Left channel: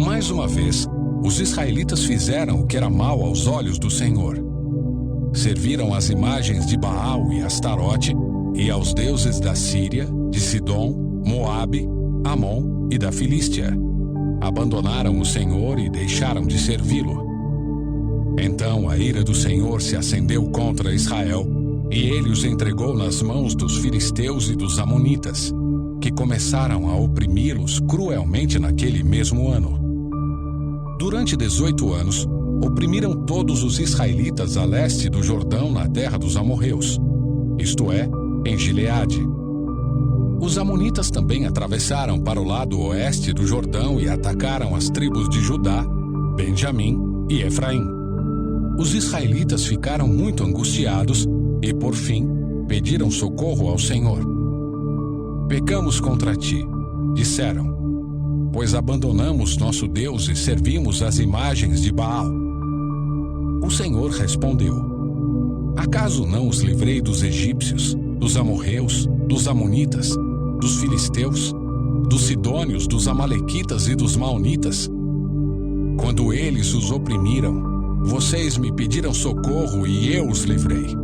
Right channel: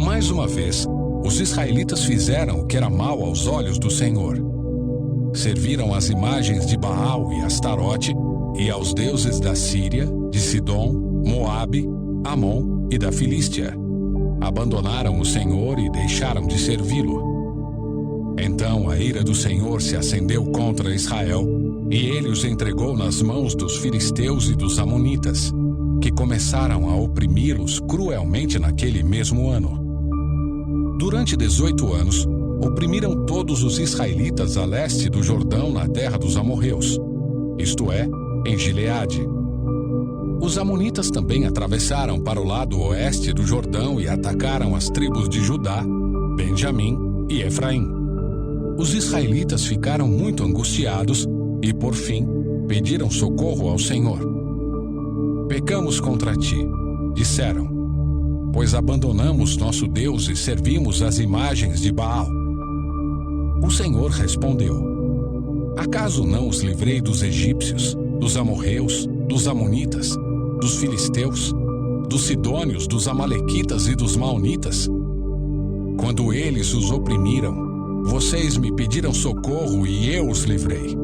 Mais uma vez, os israelitas fizeram o que era mal aos olhos do Senhor. Serviram às imagens de Baal e Astarote e aos deuses da Síria, de Sidom, Moabe, Amon e da Filístia. Abandonaram o Senhor e deixaram de servi-lo. Então a ira do Senhor se acendeu contra Israel, e ele os entregou nas mãos dos filisteus e dos amonitas, que começaram a oprimi-los cruelmente naquele mesmo ano. Durante 18 anos, oprimiram todos os israelitas a leste do Jordão na terra dos amorreus, isto é, em Gileade. Os amonitas também atravessaram para o lado oeste do Jordão e atacaram as tribos de Judá, Benjamim e Efraim. Os israelitas ficaram muito angustiados e, por fim, pediram socorro ao Senhor. Pecamos contra ti, disseram, pois abandonamos nosso Deus e servimos as imagens de Baal. O Senhor respondeu: acaso não os livrei dos egípcios, dos amorreus, dos amonitas, dos filisteus, dos sidônios, dos amalequitas e dos maonitas? Quando eles os oprimiram, vocês me pediram socorro e eu os livrei.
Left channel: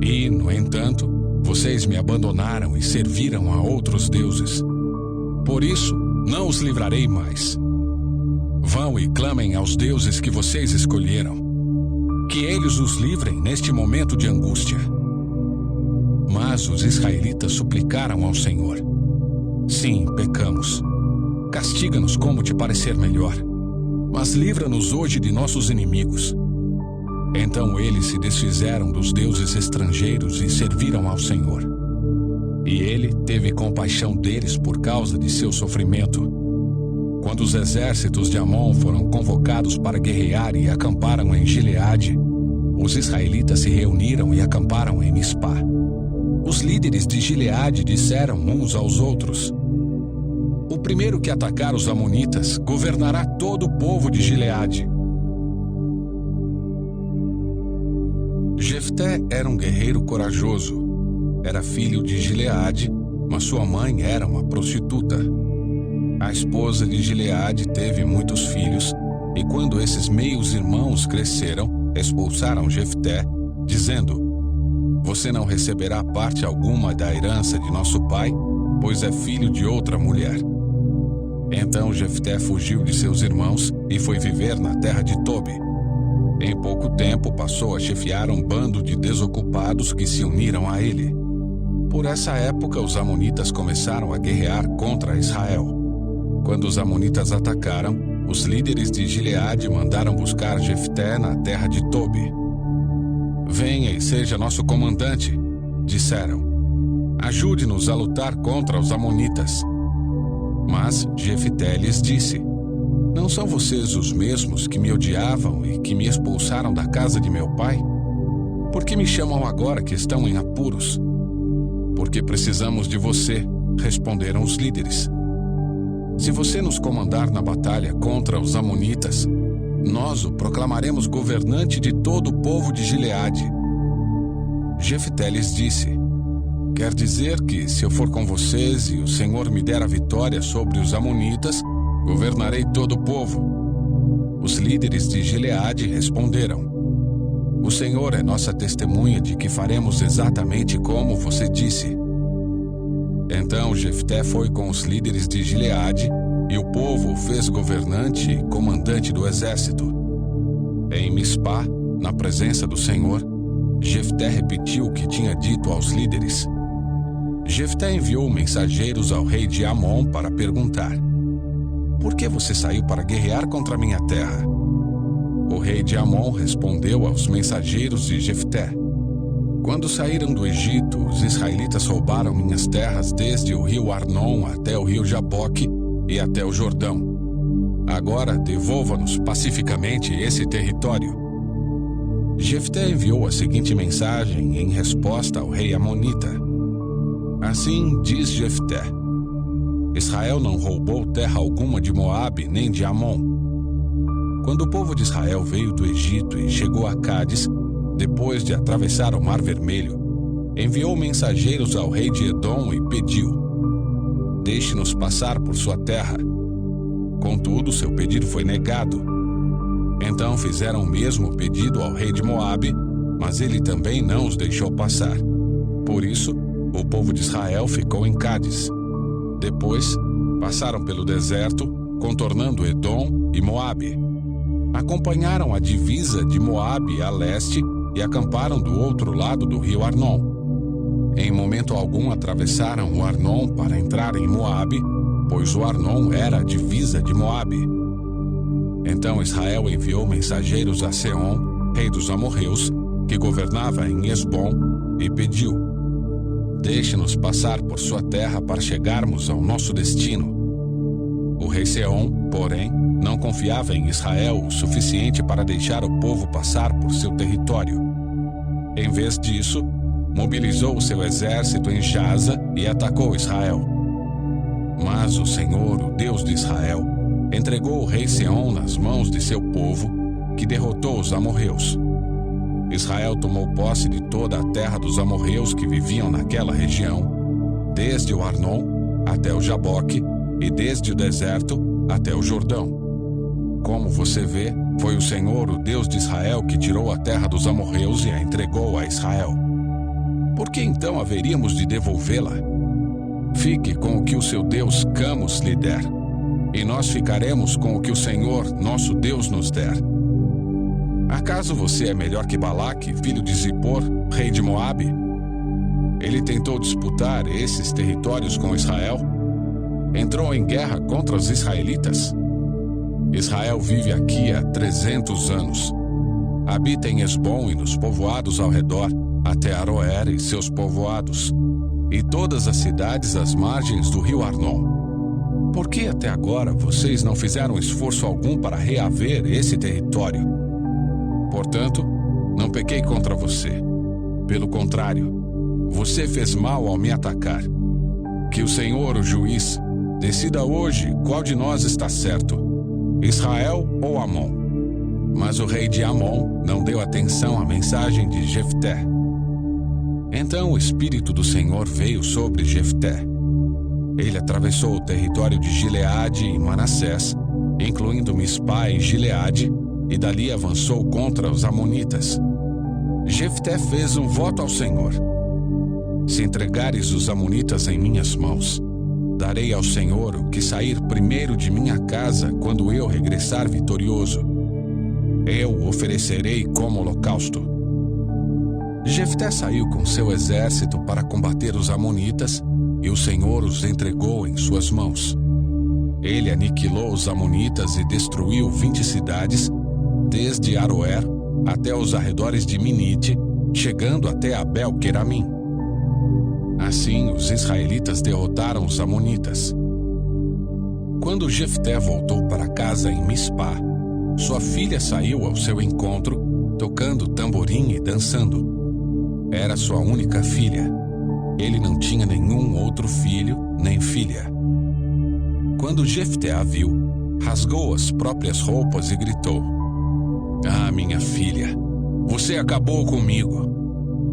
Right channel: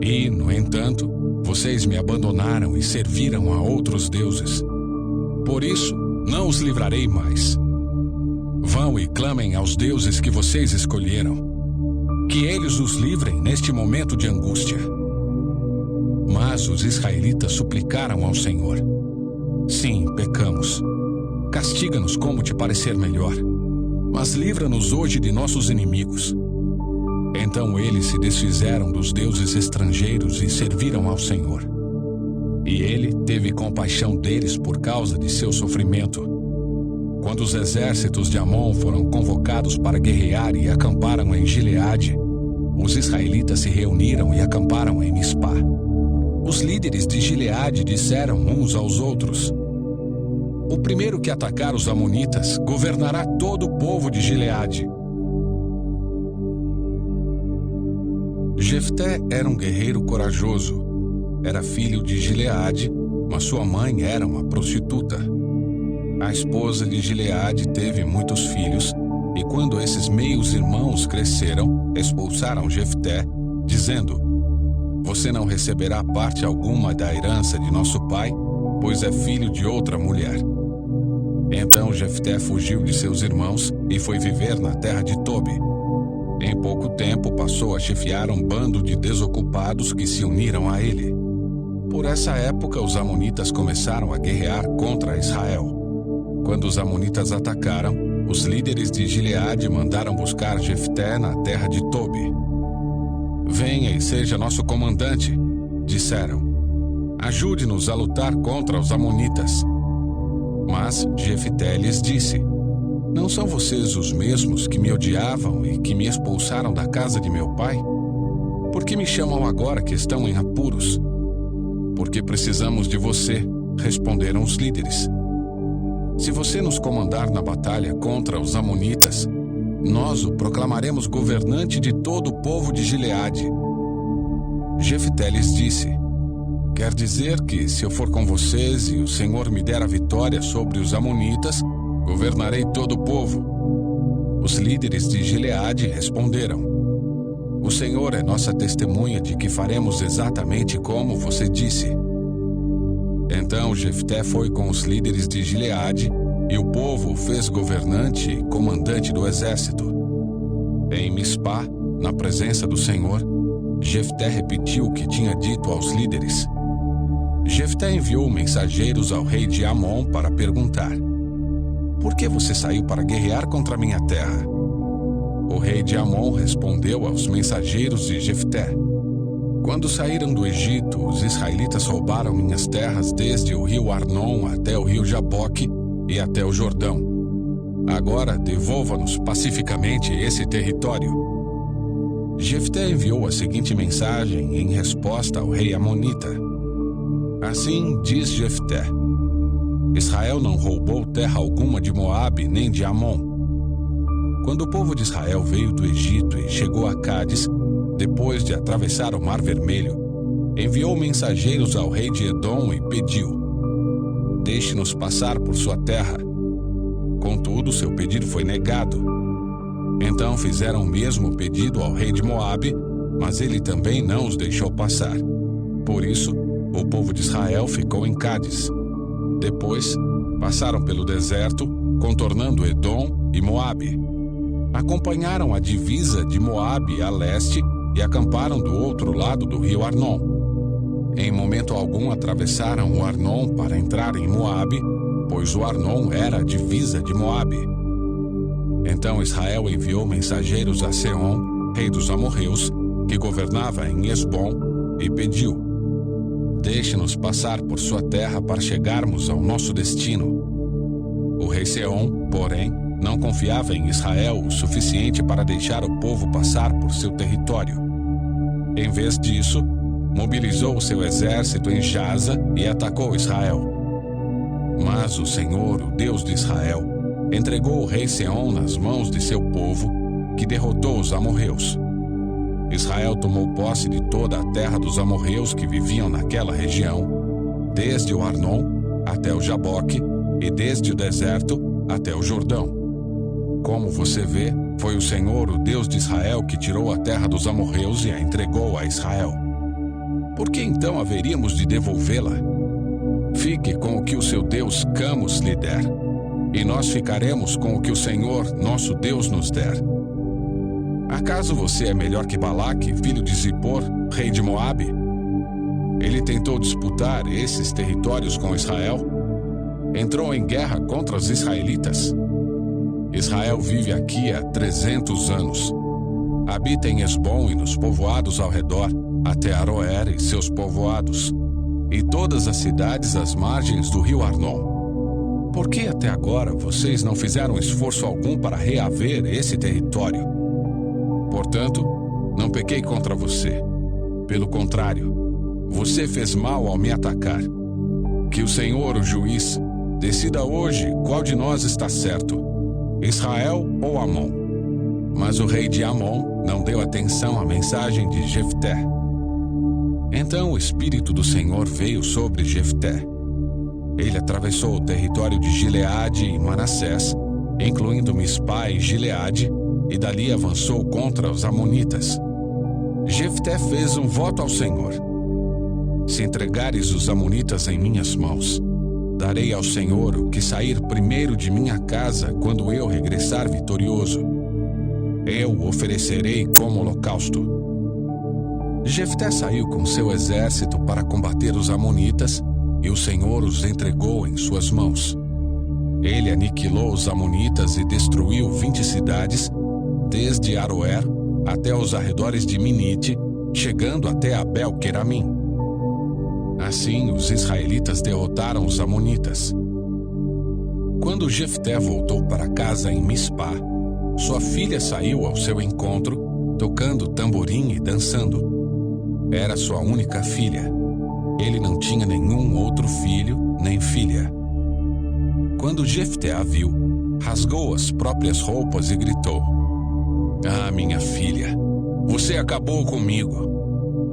E, no entanto, vocês me abandonaram e serviram a outros deuses. Por isso, não os livrarei mais. Vão e clamem aos deuses que vocês escolheram, que eles os livrem neste momento de angústia. Mas os israelitas suplicaram ao Senhor: sim, pecamos. Castiga-nos como te parecer melhor, mas livra-nos hoje de nossos inimigos. Então eles se desfizeram dos deuses estrangeiros e serviram ao Senhor. E ele teve compaixão deles por causa de seu sofrimento. Quando os exércitos de Amon foram convocados para guerrear e acamparam em Gileade, os israelitas se reuniram e acamparam em Mispá. Os líderes de Gileade disseram uns aos outros: o primeiro que atacar os amonitas governará todo o povo de Gileade. Jefté era um guerreiro corajoso. Era filho de Gileade, mas sua mãe era uma prostituta. A esposa de Gileade teve muitos filhos, e quando esses meios-irmãos cresceram, expulsaram Jefté, dizendo: você não receberá parte alguma da herança de nosso pai, pois é filho de outra mulher. Então Jefté fugiu de seus irmãos e foi viver na terra de Tobi. Em pouco tempo passou a chefiar um bando de desocupados que se uniram a ele. Por essa época os amonitas começaram a guerrear contra Israel. Quando os amonitas atacaram, os líderes de Gileade mandaram buscar Jefté na terra de Tobi. Venha e seja nosso comandante, disseram. Ajude-nos a lutar contra os amonitas. Mas Jefté lhes disse: não são vocês os mesmos que me odiavam e que me expulsaram da casa de meu pai? Por que me chamam agora que estão em apuros? Porque precisamos de você, responderam os líderes. Se você nos comandar na batalha contra os amonitas, nós o proclamaremos governante de todo o povo de Gileade. Jefté lhes disse: quer dizer que, se eu for com vocês e o Senhor me der a vitória sobre os amonitas, governarei todo o povo. Os líderes de Gileade responderam: o Senhor é nossa testemunha de que faremos exatamente como você disse. Então Jefté foi com os líderes de Gileade, e o povo o fez governante e comandante do exército. Em Mispá, na presença do Senhor, Jefté repetiu o que tinha dito aos líderes. Jefté enviou mensageiros ao rei de Amon para perguntar: por que você saiu para guerrear contra minha terra? O rei de Amon respondeu aos mensageiros de Jefté: quando saíram do Egito, os israelitas roubaram minhas terras desde o rio Arnon até o rio Jaboque e até o Jordão. Agora devolva-nos pacificamente esse território. Jefté enviou a seguinte mensagem em resposta ao rei amonita: assim diz Jefté: Israel não roubou terra alguma de Moabe nem de Amon. Quando o povo de Israel veio do Egito e chegou a Cádiz, depois de atravessar o Mar Vermelho, enviou mensageiros ao rei de Edom e pediu: deixe-nos passar por sua terra. Contudo, seu pedido foi negado. Então fizeram o mesmo pedido ao rei de Moabe, mas ele também não os deixou passar. Por isso, o povo de Israel ficou em Cádiz. Depois, passaram pelo deserto, contornando Edom e Moabe. Acompanharam a divisa de Moabe a leste e acamparam do outro lado do rio Arnon. Em momento algum atravessaram o Arnon para entrar em Moabe, pois o Arnon era a divisa de Moabe. Então Israel enviou mensageiros a Seom, rei dos amorreus, que governava em Esbom, e pediu: deixe-nos passar por sua terra para chegarmos ao nosso destino. O rei Seom, porém, não confiava em Israel o suficiente para deixar o povo passar por seu território. Em vez disso, mobilizou seu exército em Jaza e atacou Israel. Mas o Senhor, o Deus de Israel, entregou o rei Seom nas mãos de seu povo, que derrotou os amorreus. Israel tomou posse de toda a terra dos amorreus que viviam naquela região, desde o Arnon até o Jaboque e desde o deserto até o Jordão. Como você vê, foi o Senhor, o Deus de Israel, que tirou a terra dos amorreus e a entregou a Israel. Por que então haveríamos de devolvê-la? Fique com o que o seu Deus Camus lhe der, e nós ficaremos com o que o Senhor, nosso Deus, nos der. Acaso você é melhor que Balaque, filho de Zippor, rei de Moabe? Ele tentou disputar esses territórios com Israel? Entrou em guerra contra os israelitas? Israel vive aqui há 300 anos. Habita em Esbom e nos povoados ao redor, até Aroer e seus povoados, e todas as cidades às margens do rio Arnon. Por que até agora vocês não fizeram esforço algum para reaver esse território? Portanto, não pequei contra você. Pelo contrário, você fez mal ao me atacar. Que o Senhor, o juiz, decida hoje qual de nós está certo, Israel ou Amon. Mas o rei de Amon não deu atenção à mensagem de Jefté. Então o Espírito do Senhor veio sobre Jefté. Ele atravessou o território de Gileade e Manassés, incluindo Mispá e Gileade, e dali avançou contra os amonitas. Jefté fez um voto ao Senhor: se entregares os amonitas em minhas mãos, darei ao Senhor o que sair primeiro de minha casa quando eu regressar vitorioso. Eu o oferecerei como holocausto. Jefté saiu com seu exército para combater os amonitas, e o Senhor os entregou em suas mãos. Ele aniquilou os amonitas e destruiu 20 cidades, desde Aroer até os arredores de Minite, chegando até Abel-Queramim. Assim, os israelitas derrotaram os amonitas. Quando Jefté voltou para casa em Mispá, sua filha saiu ao seu encontro, tocando tamborim e dançando. Era sua única filha. Ele não tinha nenhum outro filho nem filha. Quando Jefté a viu, rasgou as próprias roupas e gritou: "Ah, minha filha, você acabou comigo.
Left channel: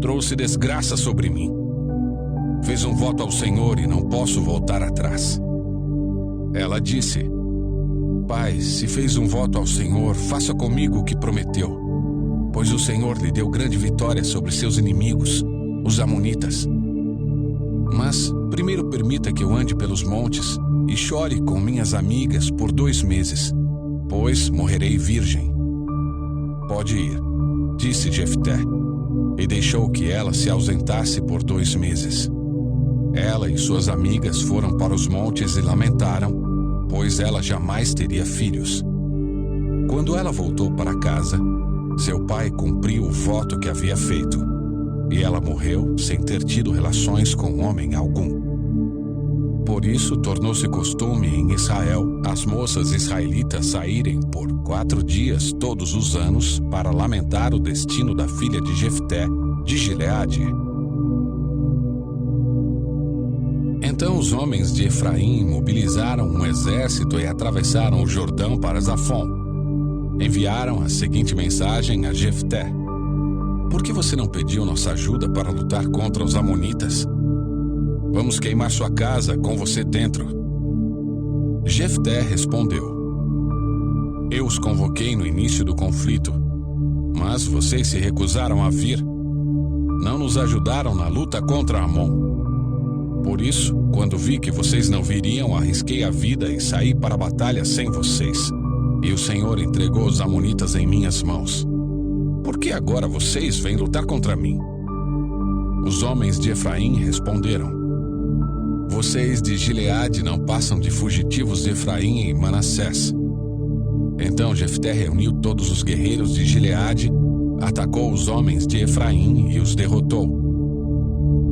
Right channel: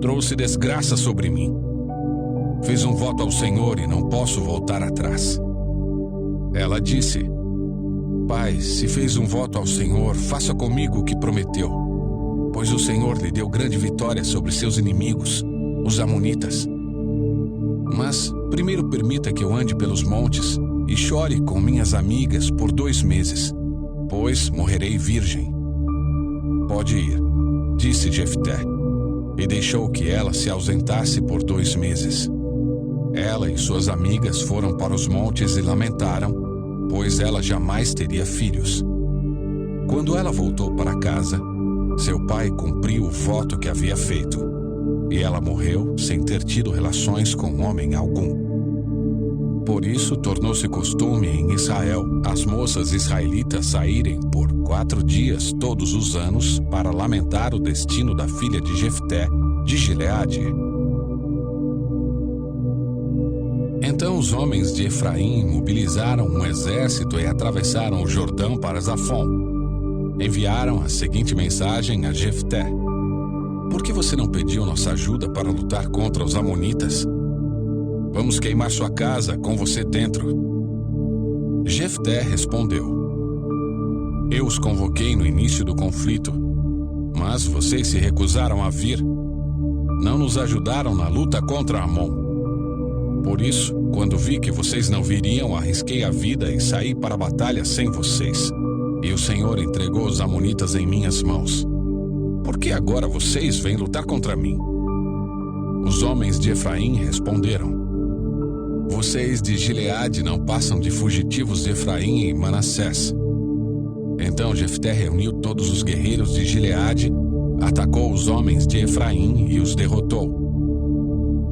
Trouxe desgraça sobre mim. Fiz um voto ao Senhor e não posso voltar atrás." Ela disse: "Pai, se fez um voto ao Senhor, faça comigo o que prometeu, pois o Senhor lhe deu grande vitória sobre seus inimigos, os amonitas. Mas primeiro permita que eu ande pelos montes e chore com minhas amigas por 2 meses, pois morrerei virgem." "Pode ir", disse Jefté, e deixou que ela se ausentasse por 2 meses. Ela e suas amigas foram para os montes e lamentaram, pois ela jamais teria filhos. Quando ela voltou para casa, seu pai cumpriu o voto que havia feito, e ela morreu sem ter tido relações com homem algum. Por isso, tornou-se costume em Israel as moças israelitas saírem por 4 dias todos os anos para lamentar o destino da filha de Jefté, de Gileade. Então os homens de Efraim mobilizaram um exército e atravessaram o Jordão para Zafon. Enviaram a seguinte mensagem a Jefté: "Por que você não pediu nossa ajuda para lutar contra os amonitas? Vamos queimar sua casa com você dentro." Jefté respondeu: Eu os convoquei no início do conflito, mas vocês se recusaram a vir. Não nos ajudaram na luta contra Amon. Por isso, quando vi que vocês não viriam, arrisquei a vida e saí para a batalha sem vocês. E o Senhor entregou os amonitas em minhas mãos. Por que agora vocês vêm lutar contra mim? Os homens de Efraim responderam: Vocês de Gileade não passam de fugitivos de Efraim e Manassés. Então Jefté reuniu todos os guerreiros de Gileade, atacou os homens de Efraim e os derrotou.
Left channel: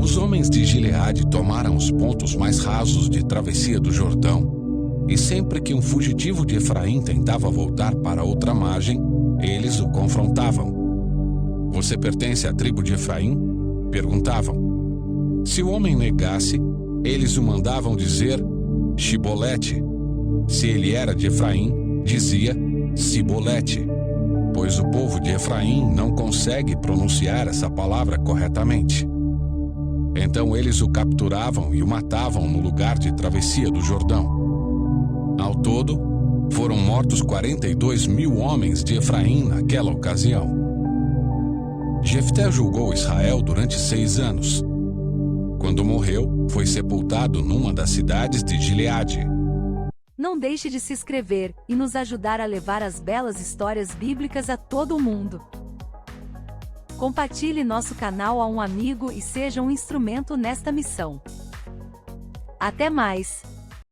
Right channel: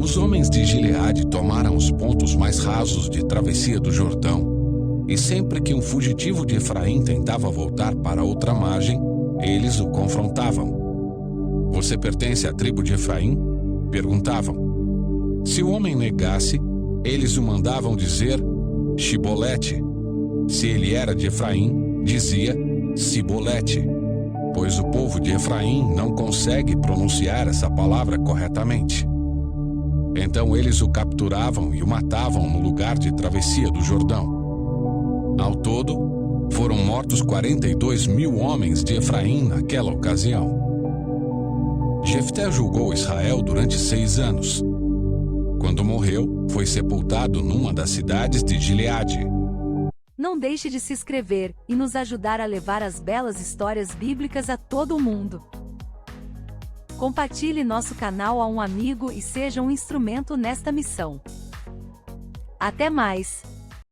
Os homens de Gileade tomaram os pontos mais rasos de travessia do Jordão, e sempre que um fugitivo de Efraim tentava voltar para outra margem, eles o confrontavam. Você pertence à tribo de Efraim? Perguntavam. Se o homem negasse, eles o mandavam dizer Shibolete. Se ele era de Efraim, dizia Sibolete, pois o povo de Efraim não consegue pronunciar essa palavra corretamente. Então eles o capturavam e o matavam no lugar de travessia do Jordão. Ao todo, foram mortos 42.000 homens de Efraim naquela ocasião. Jefté julgou Israel durante 6 anos. Quando morreu, foi sepultado numa das cidades de Gileade. Não deixe de se inscrever e nos ajudar a levar as belas histórias bíblicas a todo o mundo. Compartilhe nosso canal a um amigo e seja um instrumento nesta missão. Até mais!